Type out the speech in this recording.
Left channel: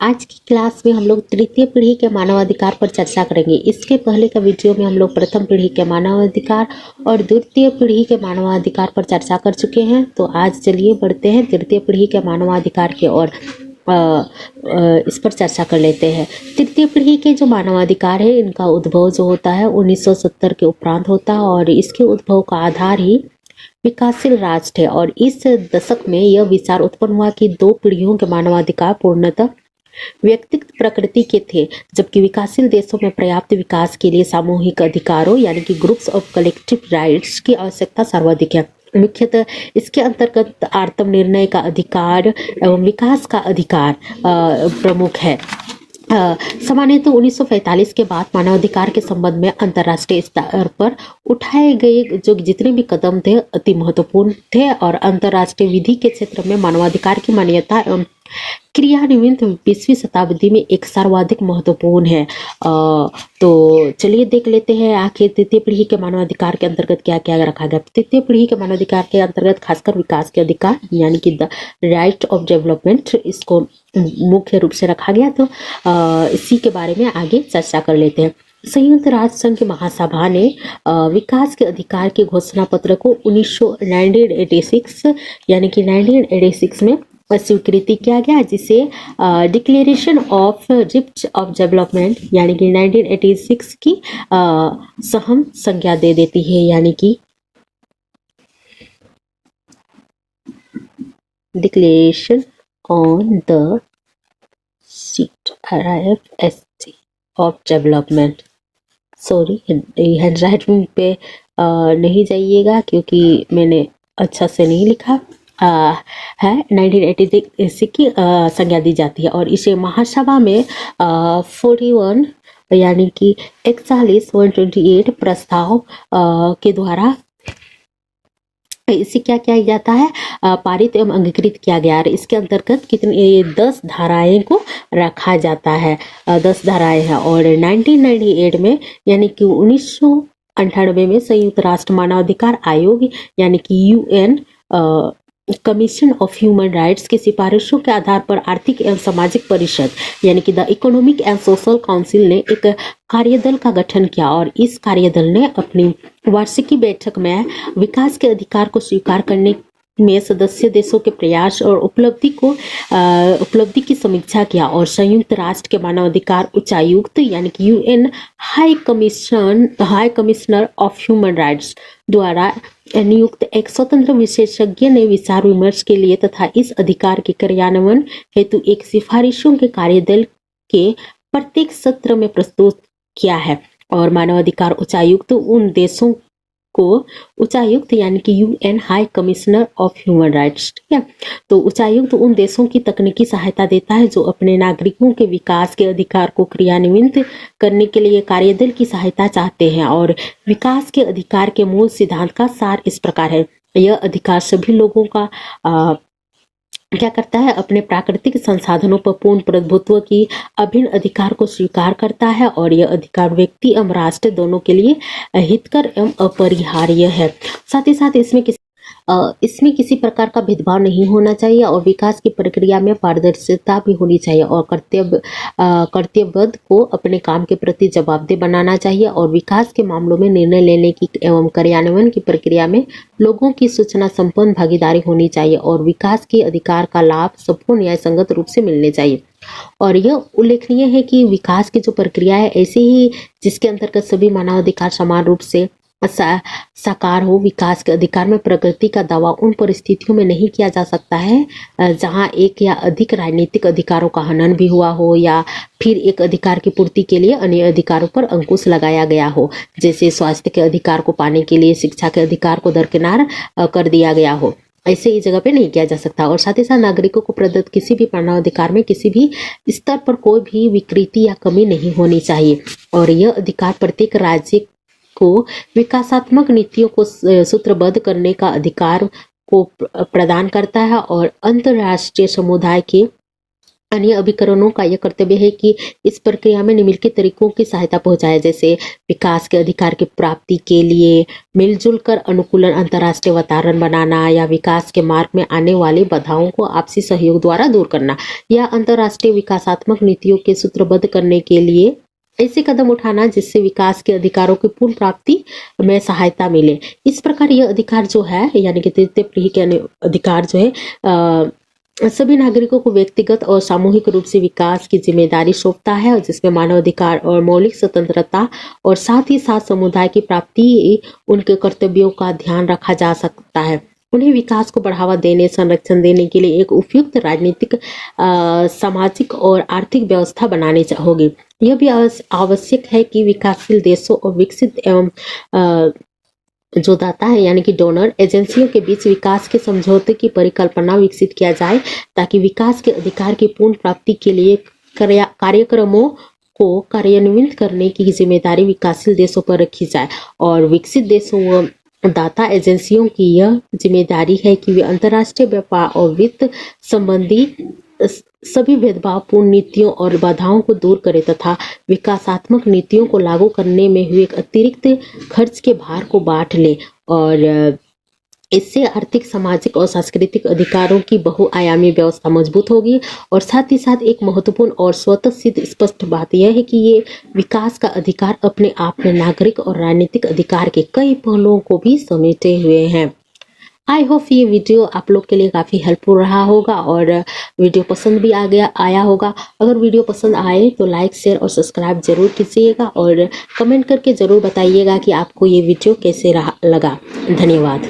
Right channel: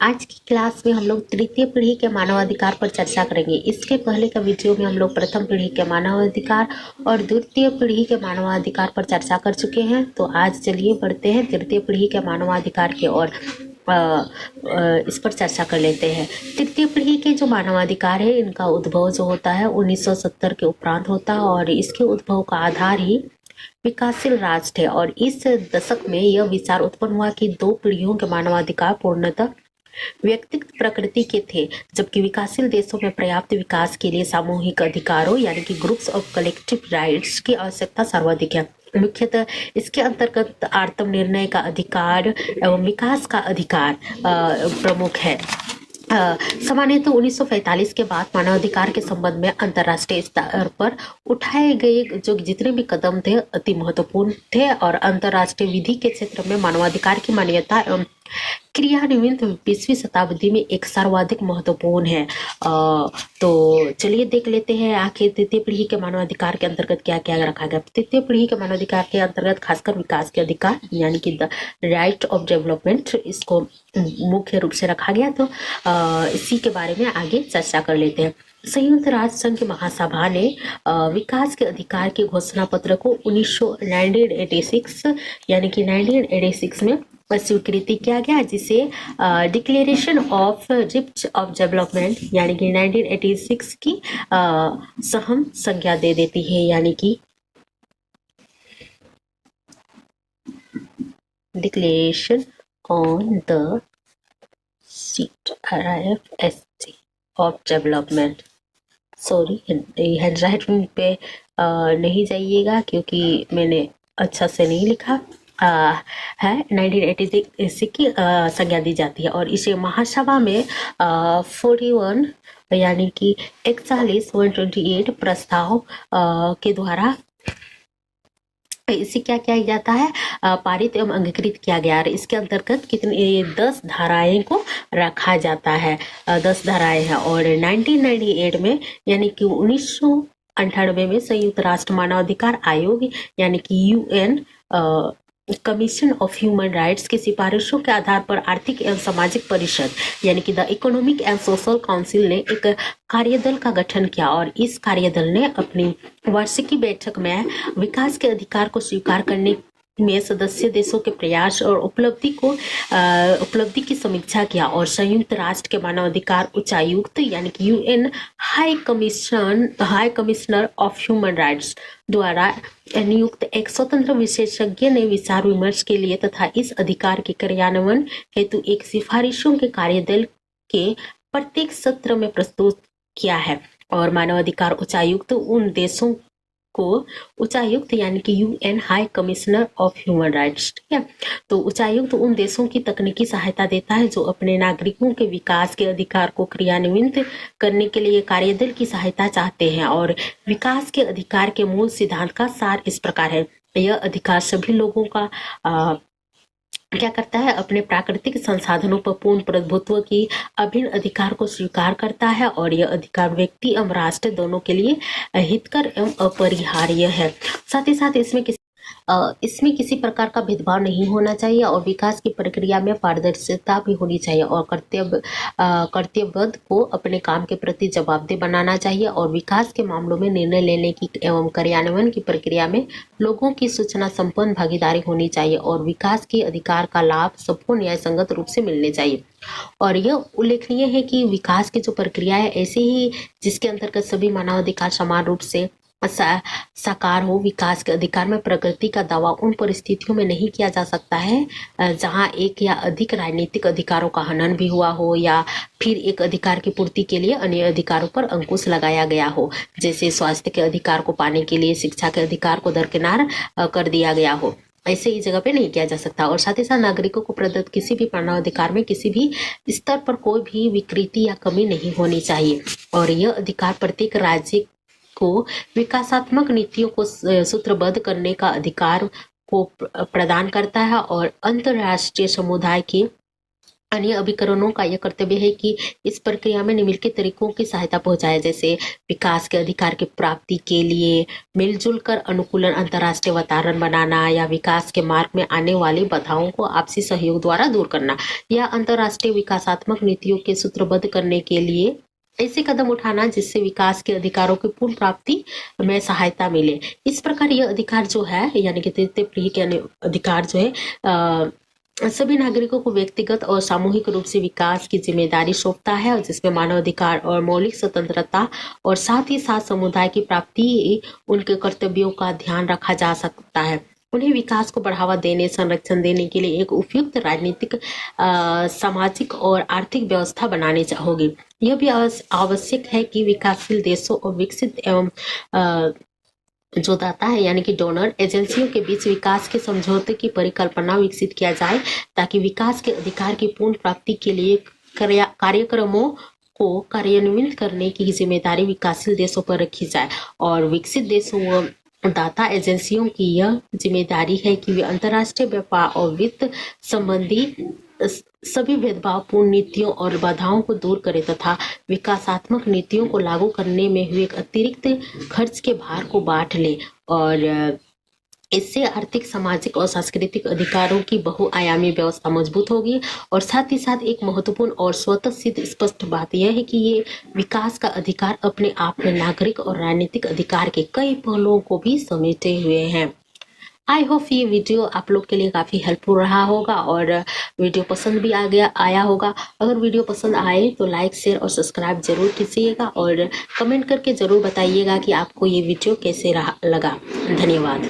आज की क्लास में हम लोग तृतीय पीढ़ी के मानवाधिकार पर चर्चा करेंगे। इसके पहले का वीडियो में हम लोग प्रथम पीढ़ी के मानवाधिकार और द्वितीय पीढ़ी के मानवाधिकार पर चर्चा कर चुके हैं। तो आज चलिए बढ़ते हैं तृतीय पीढ़ी के मानवाधिकार की ओर। इस पर चर्चा कर लेते हैं। तृतीय पीढ़ी के जो मानवाधिकार है, इनका उद्भव जो होता है 1970 के उपरांत होता है और इसके उद्भव का आधार ही विकासशील राष्ट्र है। और इस दशक में यह विचार उत्पन्न हुआ कि दो पीढ़ियों के मानवाधिकार पूर्णतः व्यक्तिगत प्रकृति के थे, जबकि विकासशील देशों में पर्याप्त विकास के लिए सामूहिक अधिकारों यानी कि ग्रुप्स ऑफ कलेक्टिव राइट्स की आवश्यकता सर्वाधिक है। मुख्यतः इसके अंतर्गत आत्मनिर्णय का अधिकार एवं विकास का अधिकार प्रमुख है। सामान्यतः 1945 के बाद मानवाधिकार के संबंध में अंतर्राष्ट्रीय स्तर पर उठाए गए जो जितने भी कदम थे अति महत्वपूर्ण थे और अंतर्राष्ट्रीय विधि के क्षेत्र में मानवाधिकार की मान्यता एवं क्रियान्वयन 20वीं शताब्दी में एक सर्वाधिक महत्वपूर्ण है। तो चलिए देख लेते हैं आखिर तृतीय पीढ़ी के मानवाधिकार के अंतर्गत क्या क्या रखा गया। तृतीय पीढ़ी के मानवाधिकार के अंतर्गत खासकर विकास के अधिकार यानी कि द राइट ऑफ डेवलपमेंट, इसको मुख्य रूप से रखा गया। तो इसी के बारे में आगे चर्चा कर लेते हैं। संयुक्त राष्ट्र संघ की महासभा ने विकास के अधिकार के घोषणा पत्र को 1986 यानी कि 1986 में स्वीकृति किया गया, जिसे declaration of rights of development यानी कि 1986 की सहम संज्ञा दे देती है, यानी कि declaration on the seat RIFST of development. Sorry, handwriting पे नहीं जाइएगा क्योंकि मैंने अच्छा से नहीं लिखा है। 1986 की संज्ञा दी जाती है और इसे महासभा में 41 यानी कि 41 128 प्रस्ताव के द्वारा इसे क्या किया जाता है, पारित एवं अंगीकृत किया गया। और इसके अंतर्गत कितनी 10 धाराएं को रखा जाता है, 10 धाराएं हैं। और 1998 में यानी कि 1998 में संयुक्त राष्ट्र मानवाधिकार आयोग यानी कि UN commission of human rights की सिफारिशों के आधार पर आर्थिक एवं सामाजिक परिषद यानी कि the economic and social council ने एक कार्यदल का गठन किया और इस कार्यदल ने अपनी वार्षिकी बैठक में विकास के अधिकार को स्वीकार करने में सदस्य देशों के प्रयास और उपलब्धि की समीक्षा किया और संयुक्त राष्ट्र के मानवाधिकार उच्चायुक्त यानी कि UN high commissioner of human rights द्वारा नियुक्त एक स्वतंत्र विशेषज्ञ ने विचार विमर्श के लिए तथा इस अधिकार के क्रियान्वयन हेतु एक सिफारिशों के कार्यदल के प्रत्येक सत्र में प्रस्तुत किया है। और मानवाधिकार उच्चायुक्त उन देशों को उच्चायुक्त यानी कि UN high commissioner of human rights, ठीक है। तो उच्चायुक्त उन देशों की तकनीकी सहायता देता है जो अपने नागरिकों के विकास के अधिकार को क्रियान्वित करने के लिए कार्यदल की सहायता चाहते हैं। और विकास के अधिकार के मूल सिद्धांत का सार इस प्रकार है। यह अधिकार सभी लोगों का क्या करता है, अपने प्राकृतिक संसाधनों पर पूर्ण प्रभुत्व की अभिन्न अधिकार को स्वीकार करता है और यह अधिकार व्यक्ति एवं राष्ट्र दोनों के लिए हितकर एवं अपरिहार्य है। साथ ही साथ इसमें किसी प्रकार का भेदभाव नहीं होना चाहिए और विकास की प्रक्रिया में पारदर्शिता भी होनी चाहिए और कर्तव्यबद्ध को अपने काम के प्रति जवाबदेह बनाना चाहिए और विकास के मामलों में निर्णय लेने की एवं कार्यान्वयन की प्रक्रिया में लोगों की सूचना संपन्न भागीदारी होनी चाहिए और विकास के अधिकार का लाभ सबको न्याय संगत रूप से मिलने चाहिए। और यह उल्लेखनीय है कि विकास की जो प्रक्रिया है ऐसे ही जिसके अंतर्गत सभी मानवाधिकार समान रूप से साकार हो। विकास के अधिकार में प्रगति का दावा उन परिस्थितियों में नहीं किया जा सकता है जहां एक या अधिक राजनीतिक अधिकारों का हनन भी हुआ हो या फिर एक अधिकार की पूर्ति के लिए अन्य अधिकारों पर अंकुश लगाया गया हो, जैसे स्वास्थ्य के अधिकार को पाने के लिए शिक्षा के अधिकार को दरकिनार कर दिया गया हो। ऐसे ही जगह पे नहीं किया जा सकता। और साथ ही साथ नागरिकों को प्रदत्त किसी भी मानवाधिकार में किसी भी स्तर पर कोई भी विकृति या कमी नहीं होनी चाहिए और यह अधिकार प्रत्येक राज्य को विकासात्मक नीतियों को सूत्रबद्ध करने का अधिकार को प्रदान करता है और अंतर्राष्ट्रीय समुदाय के अन्य अभिकरणों का यह कर्तव्य है कि इस प्रक्रिया में निम्नलिखित तरीकों की सहायता पहुंचाए, जैसे विकास के अधिकार की प्राप्ति के लिए मिलजुल कर अनुकूलन अंतर्राष्ट्रीय वातावरण बनाना, या विकास के मार्ग में आने वाली बाधाओं को आपसी सहयोग द्वारा दूर करना, या अंतर्राष्ट्रीय विकासात्मक नीतियों के सूत्रबद्ध करने के लिए ऐसे कदम उठाना जिससे विकास के अधिकारों की पूर्ण प्राप्ति में सहायता मिले। इस प्रकार यह अधिकार जो है, यानी कि तृतीय पीढ़ी के अधिकार जो है सभी नागरिकों को व्यक्तिगत और सामूहिक रूप से विकास की जिम्मेदारी सौंपता है, और जिसमें मानव अधिकार और मौलिक स्वतंत्रता और साथ ही साथ समुदाय की प्राप्ति उनके कर्तव्यों का ध्यान रखा जा सकता है। उन्हें विकास को बढ़ावा देने, संरक्षण देने के लिए एक उपयुक्त राजनीतिक, सामाजिक और आर्थिक व्यवस्था बनानी होगी। यह भी आवश्यक है कि विकासशील देशों और विकसित एवं जो दाता है यानी कि डोनर एजेंसियों के बीच विकास के समझौते की परिकल्पना विकसित किया जाए, ताकि विकास के अधिकार की पूर्ण प्राप्ति के लिए कार्यक्रमों को कार्यान्वित करने की जिम्मेदारी विकासशील देशों पर रखी जाए, और विकसित देशों व दाता एजेंसियों की यह जिम्मेदारी है कि वे अंतर्राष्ट्रीय व्यापार और वित्त संबंधी सभी भेदभावपूर्ण नीतियों और बाधाओं को दूर करें तथा विकासात्मक नीतियों को लागू करने में हुए अतिरिक्त खर्च के भार को बांट ले, और इससे आर्थिक, सामाजिक और सांस्कृतिक अधिकारों की बहुआयामी व्यवस्था मजबूत होगी। और साथ ही साथ एक महत्वपूर्ण और स्वतः सिद्ध स्पष्ट बात यह है कि ये विकास का अधिकार अपने आप में नागरिक और राजनीतिक अधिकार के कई पहलुओं को भी समेटे हुए हैं। आई होप ये वीडियो आप लोग के लिए काफ़ी हेल्पफुल रहा होगा और वीडियो पसंद भी आया होगा। अगर वीडियो पसंद आए तो लाइक, शेयर और सब्सक्राइब जरूर कीजिएगा, और कमेंट करके ज़रूर बताइएगा कि आपको ये वीडियो कैसे लगा। धन्यवाद।